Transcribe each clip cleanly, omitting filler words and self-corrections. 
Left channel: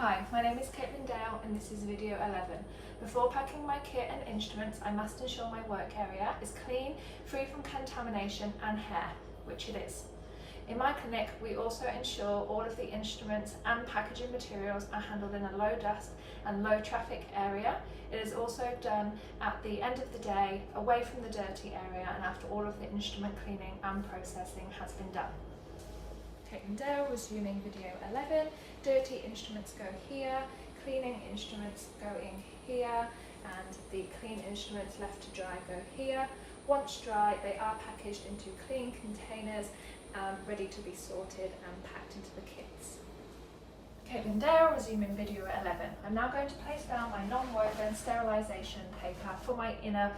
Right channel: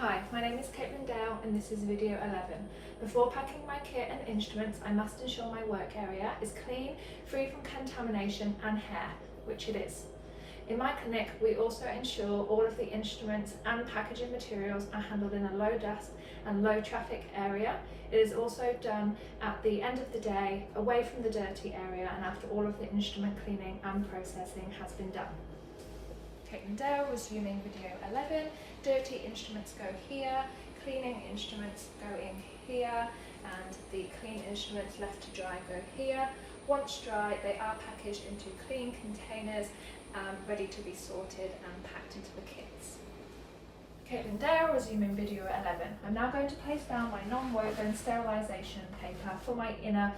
Hi, my name is Caitlin Dale and this is video 11. Before packing my kit and instruments, I must ensure my work area is clean, free from contamination and hair, which it is. In my clinic, we also ensure all of the instruments and packaging materials are handled in a low dust and low traffic area. It is also done at the end of the day, away from the dirty area and after all of the instrument cleaning and processing has been done. Caitlin Dale, resuming video 11. Dirty instruments go here, cleaning instruments go in here, and the clean instruments left to dry go here. Once dry, they are packaged into clean containers, ready to be sorted and packed into the kits. Caitlin Dale, resuming video 11. I'm now going to place down my non-woven sterilisation paper for my inner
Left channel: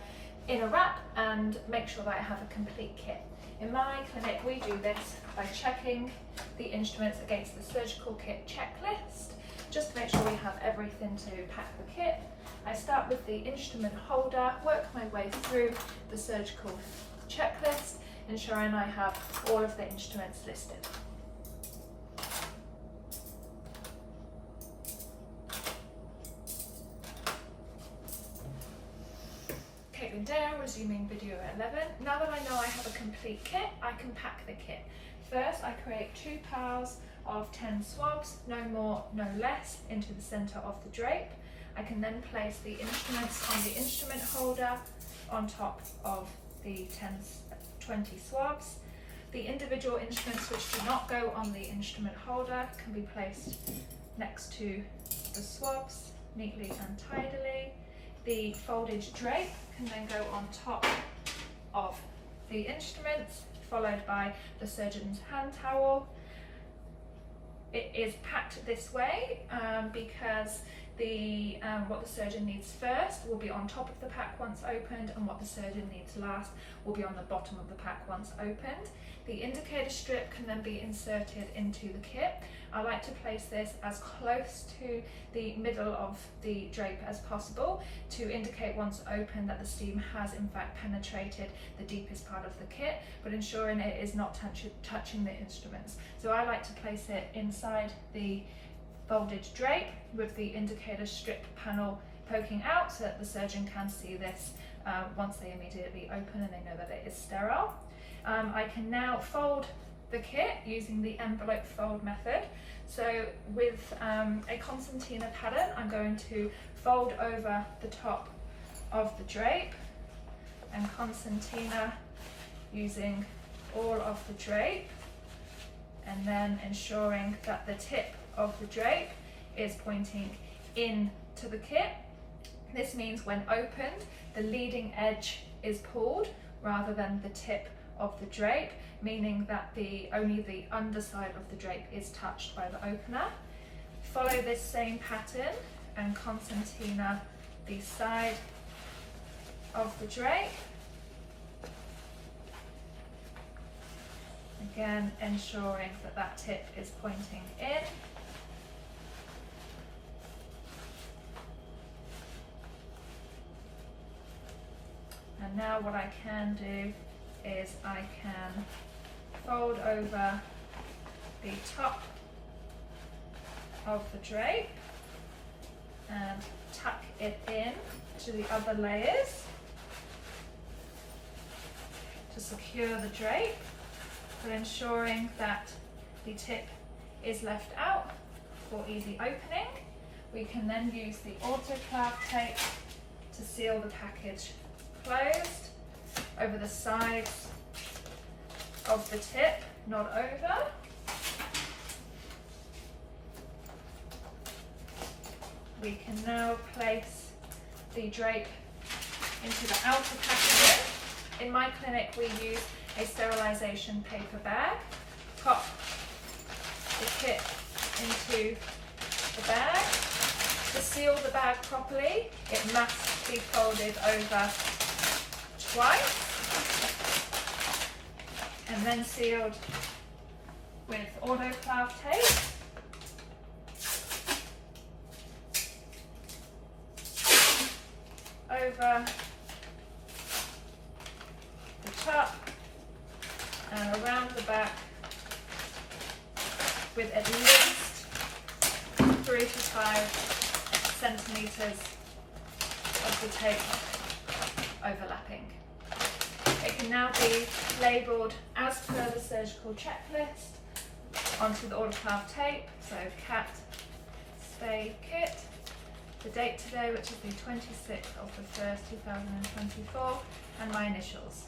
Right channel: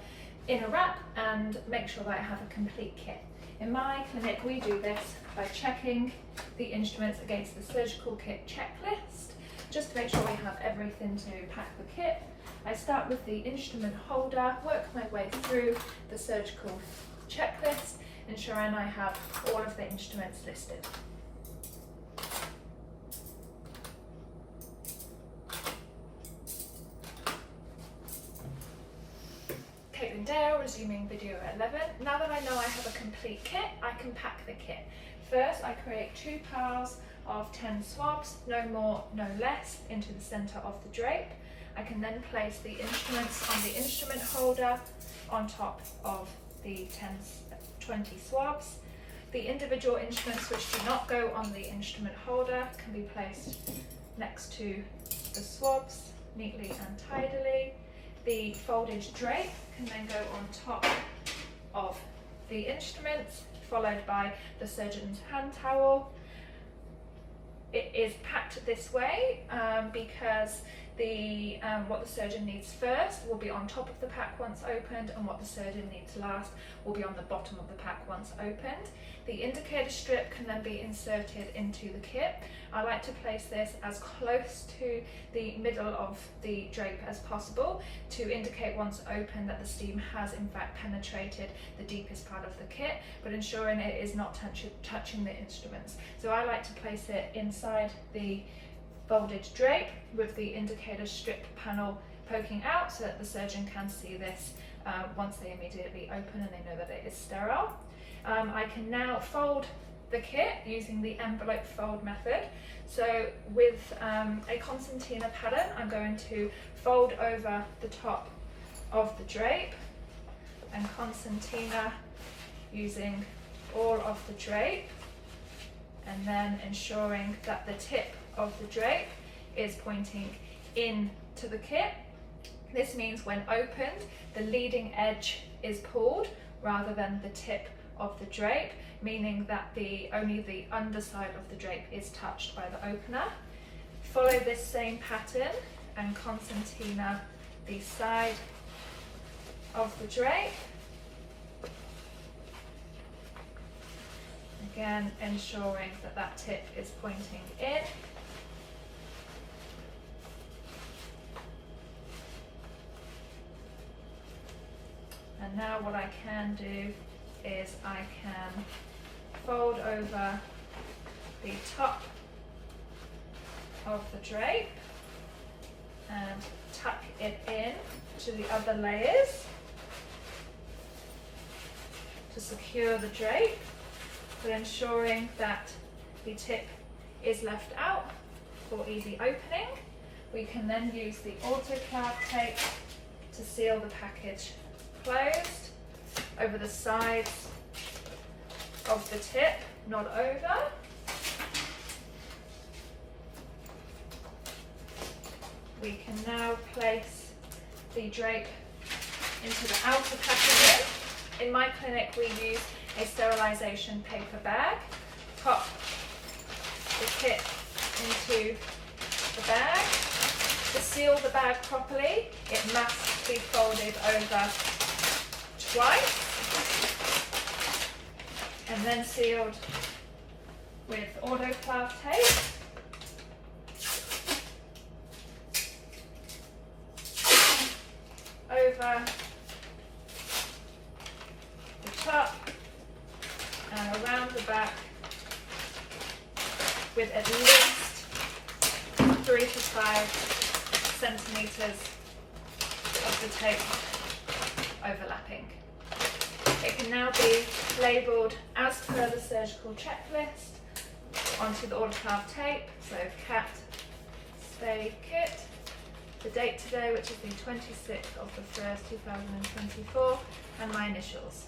wrap and make sure that I have a complete kit. In my clinic, we do this by checking the instruments against the surgical kit checklist, just to make sure we have everything to pack the kit. I start with the instrument holder, work my way through the surgical checklist, ensuring I have all of the instruments listed. Caitlin Dale, resuming video 11. Now that I know I have a complete kit, I can pack the kit. First, I create 2 piles of 10 swabs, no more, no less, into the centre of the drape. I can then place the instruments on the instrument holder on top of the 20 swabs. The individual instruments which do not go on the instrument holder can be placed next to the swabs neatly and tidily. The folded drape can then go on top of the instruments, followed by the surgeon's hand towel. It is packed this way because what the surgeon needs first will be on top of the pack once opened, and what the surgeon needs last will be on the bottom of the pack once opened. The indicator strip can then be inserted into the kit. I like to place this as close to the middle of the drape as possible to indicate once open that the steam has in fact penetrated the deepest part of the kit, but ensuring it is not touching the instruments. So I like to place it inside the folded drape with the indicator strip panel poking out so that the surgeon can see this once they immediately open and they know that it is sterile. I can now fold the kit using the envelope fold method. So with a concertina pattern, I'm going to fold over the top of the drape and concertina using all of the drape, and then ensuring that the tip of the drape is pointing into the kit. This means when opened, the leading edge is pulled rather than the tip of the drape, meaning that only the underside of the drape is touched by the opener. Follow this same pattern and concertina the side of the drape. Again, ensuring that that tip is pointing in. And now what I can do is I can fold over the top of the drape and tuck it in to the other layers to secure the drape, but ensuring that the tip is left out for easy opening. We can then use the Autoclav tape to seal the package closed over the sides of the tip, not over. We can now place the drape into the outer packaging. In my clinic, we use a sterilisation paper bag. Pop the kit into the bag. To seal the bag properly, it must be folded over twice and then sealed with Autoclav tape. Over the top and around the back with at least 3 to 5 centimetres of the tape overlapping. It can now be labelled as per the surgical checklist onto the autoclave tape. So cat stay kit, the date today, which is the 26th of the 1st, 2024, and my initials,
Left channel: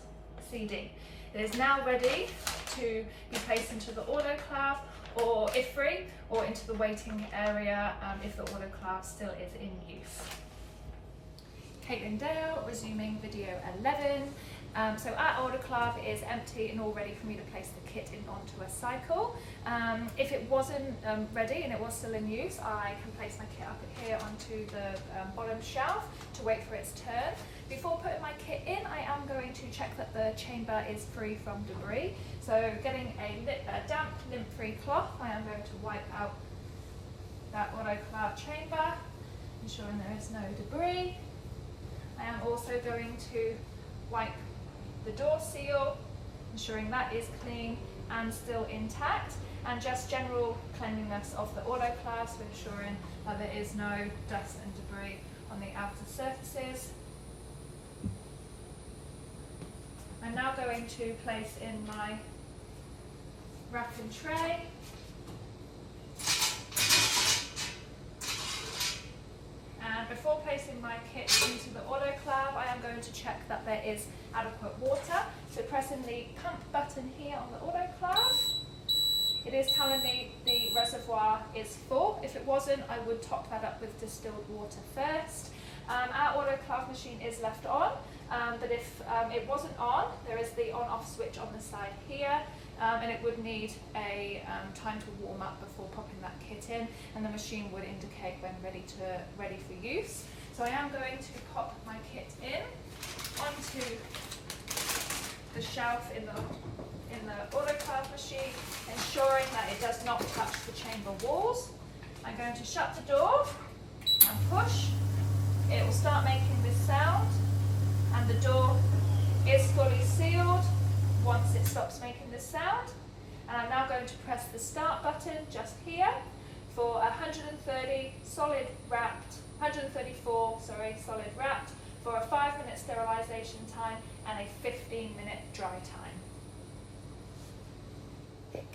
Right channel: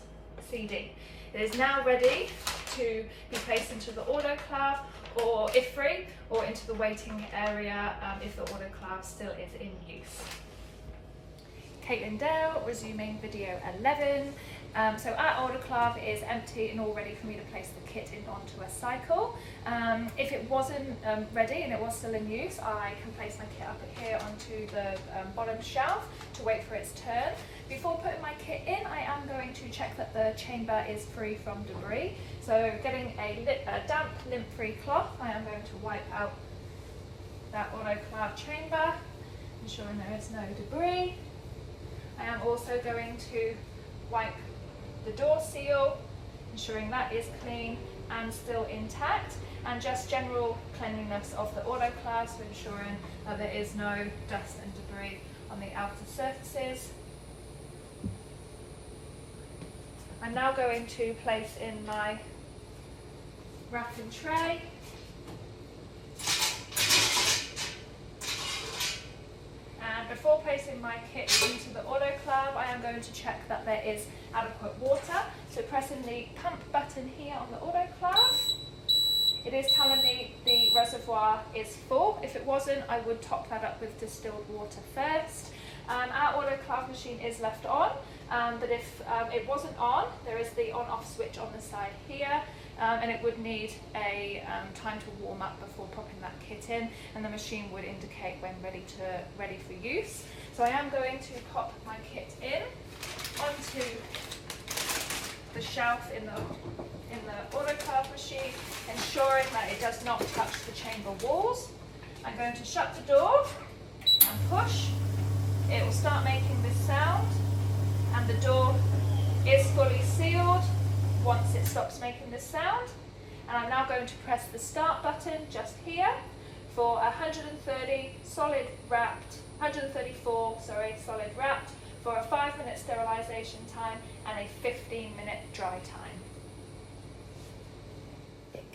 CD. It is now ready to be placed into the autoclave, or if free, or into the waiting area if the autoclave still is in use. Caitlin Dale, resuming video 11. So our autoclave is empty and all ready for me to place the kit in onto a cycle. If it wasn't ready and it was still in use, I can place my kit up here onto the bottom shelf to wait for its turn. Before putting my kit in, I am going to check that the chamber is free from debris. So getting a damp, lint-free cloth, I am going to wipe out that autoclave chamber, ensuring there is no debris. I am also going to wipe the door seal, ensuring that is clean and still intact, and just general cleanliness of the autoclave, so ensuring that there is no dust and debris on the outer surfaces. I'm now going to place in my rack and tray. And before placing my kit into the autoclave, I am going to check that there is adequate water. So pressing the pump button here on the autoclave, it is telling me the reservoir is full. If it wasn't, I would top that up with distilled water first. Our autoclave machine is left on, but if it wasn't on, there is the on-off switch on the side here. And it would need a time to warm up before popping that kit in, and the machine would indicate when ready for use. So I am going to pop my kit in onto the shelf in the autoclave machine, ensuring that it does not touch the chamber walls. I'm going to shut the door and push. It will start making this sound, and the door is fully sealed once it stops making this sound. And I'm now going to press the start button just here for 134 solid wrapped for a 5-minute sterilisation time and a 15-minute dry time.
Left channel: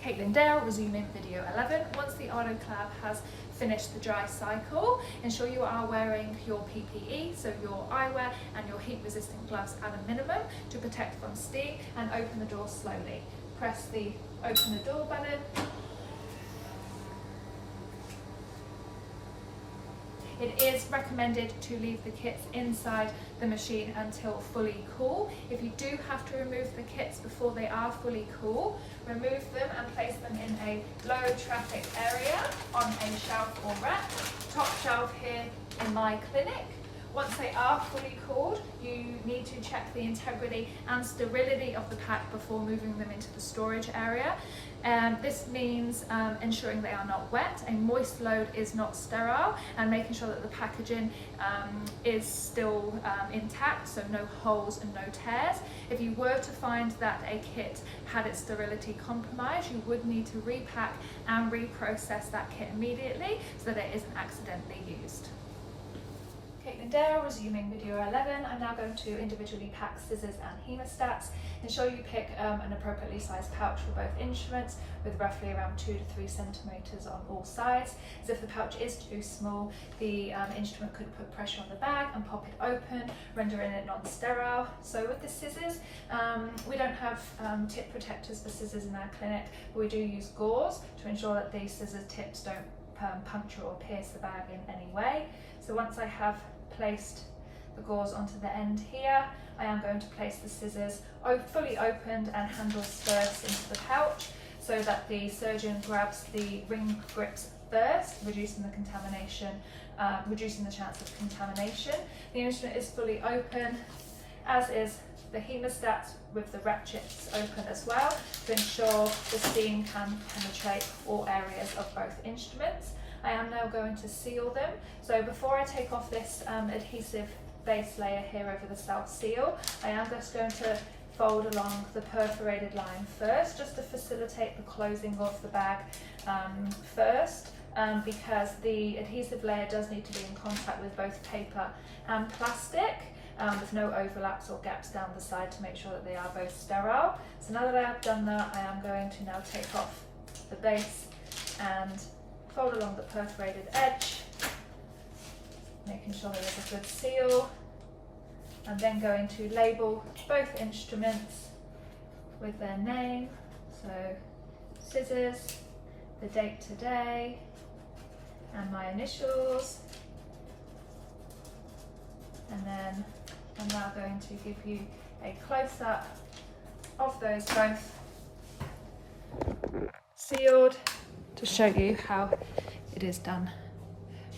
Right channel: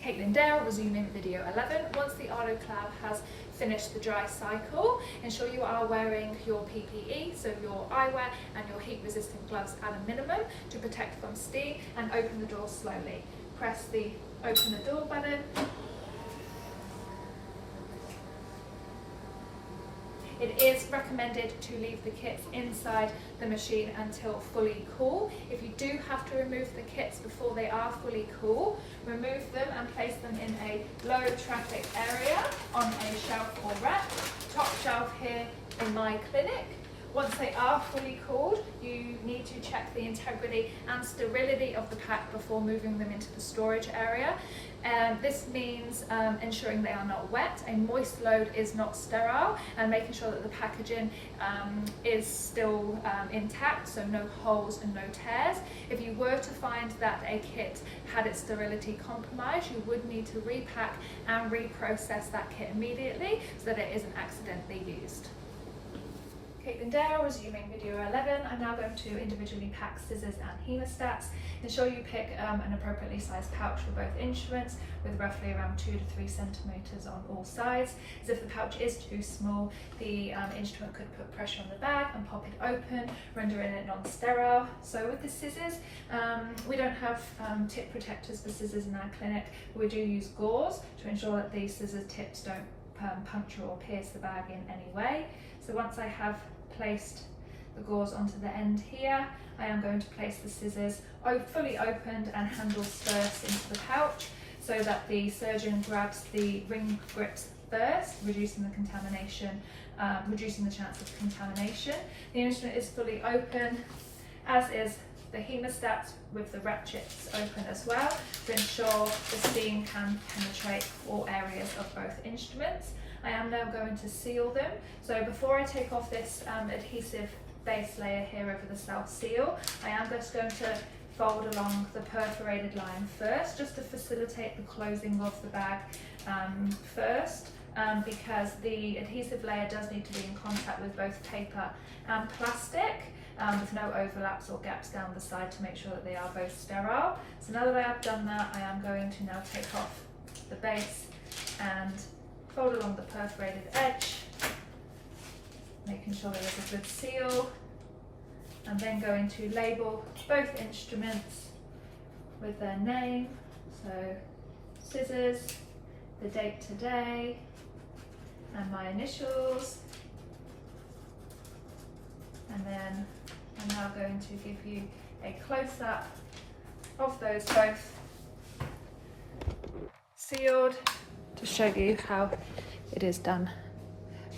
Caitlin Dale, resuming video 11. Once the autoclave has finished the dry cycle, ensure you are wearing your PPE, so your eyewear and your heat resistant gloves at a minimum to protect from steam, and open the door slowly. Press the open the door button. It is recommended to leave the kits inside the machine until fully cool. If you do have to remove the kits before they are fully cool, remove them and place them in a low traffic area on a shelf or rack, top shelf here in my clinic. Once they are fully cooled, you need to check the integrity and sterility of the pack before moving them into the storage area. And this means ensuring they are not wet. A moist load is not sterile, and making sure that the packaging is still intact, so no holes and no tears. If you were to find that a kit had its sterility compromised, you would need to repack and reprocess that kit immediately so that it isn't accidentally used. Caitlin Dale, resuming video 11. I'm now going to individually pack scissors and hemostats. Ensure you pick an appropriately sized pouch for both instruments with roughly around 2 to 3 centimetres on all sides. As if the pouch is too small, the instrument could put pressure on the bag and pop it open, rendering it non-sterile. So with the scissors, we don't have tip protectors for scissors in our clinic, but we do use gauze to ensure that these scissors tips don't puncture or pierce the bag in any way. So once I have placed the gauze onto the end here, I am going to place the scissors fully opened and handles first into the pouch, so that the surgeon grabs the ring grips first, reducing the contamination, reducing the chance of contamination. The instrument is fully open, as is the hemostat with the ratchets open as well, to ensure the steam can penetrate all areas of both instruments. I am now going to seal them. So before I take off this adhesive base layer here over the self-seal, I am just going to fold along the perforated line first, just to facilitate the closing of the bag first. because the adhesive layer does need to be in contact with both paper and plastic, with no overlaps or gaps down the side to make sure that they are both sterile. So now that I have done that, I am going to now take off the base and fold along the perforated edge, making sure there is a good seal, and then going to label both instruments with their name. So scissors, the date today, and my initials. And then I'm now going to give you a close-up of those both sealed to show you how it is done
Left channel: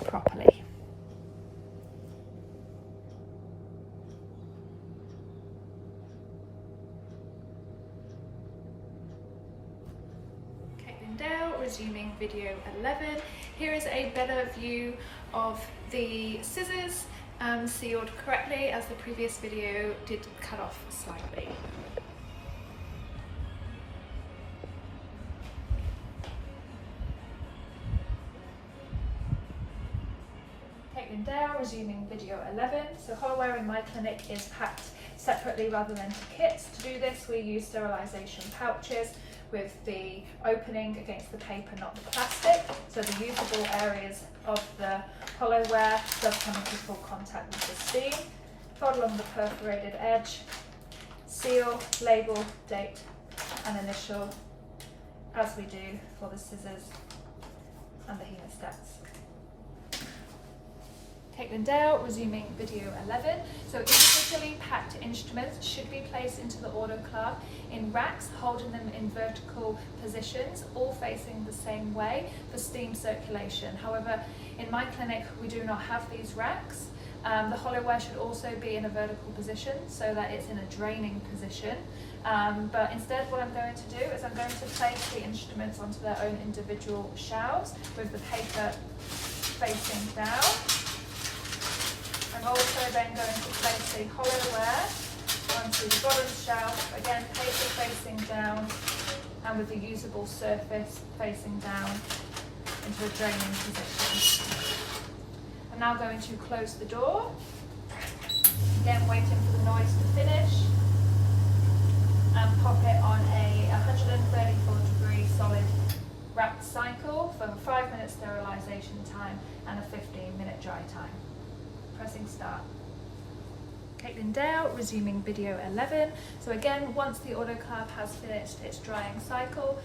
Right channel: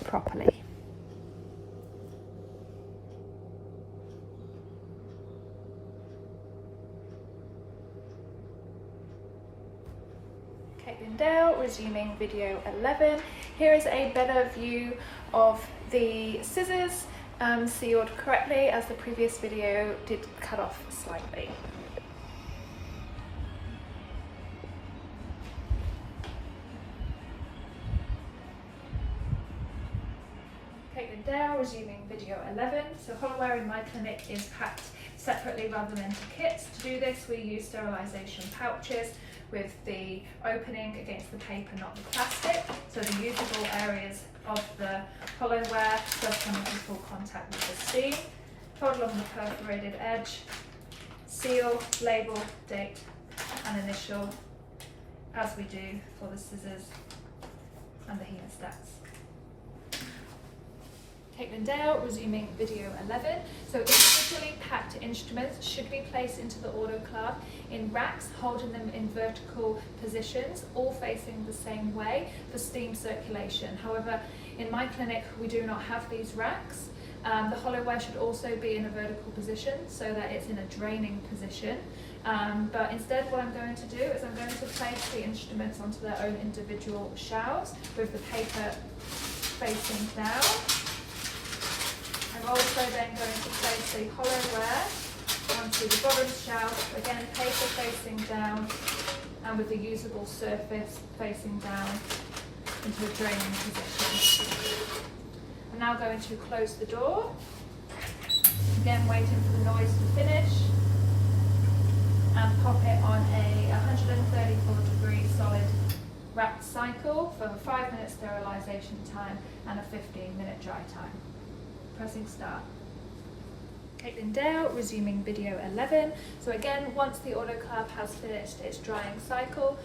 properly. Caitlin Dale, resuming video 11. Here is a better view of the scissors sealed correctly, as the previous video did cut off slightly. Caitlin Dale, resuming video 11. So hollowware in my clinic is packed separately rather than to kits. To do this, we use sterilisation pouches with the opening against the paper, not the plastic, so the usable areas of the hollowware does come into full contact with the steam. Fold along the perforated edge, seal, label, date and initial, as we do for the scissors and the hemostats. Caitlin Dale, resuming video 11. So individually packed instruments should be placed into the autoclave in racks, holding them in vertical positions, all facing the same way for steam circulation. However, in my clinic, we do not have these racks. The hollowware should also be in a vertical position so that it's in a draining position. But instead, what I'm going to do is I'm going to place the instruments onto their own individual shelves with the paper facing down. I'm also then going to place the hollowware onto the bottom shelf, again paper facing down and with the usable surface facing down into a draining position. I'm now going to close the door, then waiting for the noise to finish, and pop it on a 134-degree solid wrapped cycle for a 5-minute sterilisation time and a 15-minute dry time. Pressing start. Caitlin Dale, resuming video 11. So again, once the autoclave has finished its drying cycle,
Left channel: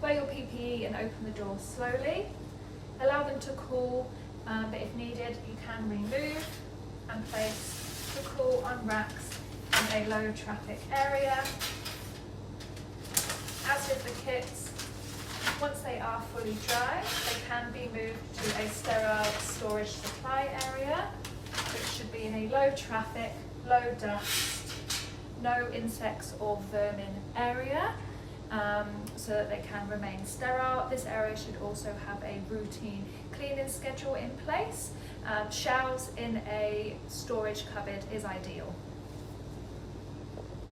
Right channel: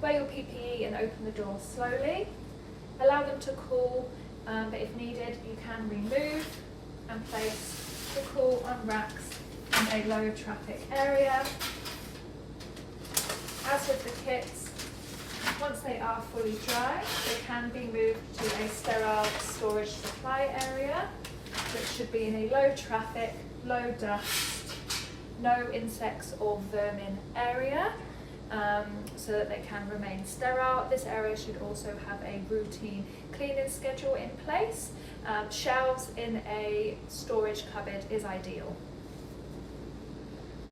wear your PPE and open the door slowly. Allow them to cool, but if needed, you can remove and place the cool on racks in a low traffic area. As with the kits, once they are fully dry, they can be moved to a sterile storage supply area, which should be in a low traffic, low dust, no insects or vermin area, so that they can remain sterile. This area should also have a routine cleaning schedule in place. Shelves in a storage cupboard is ideal.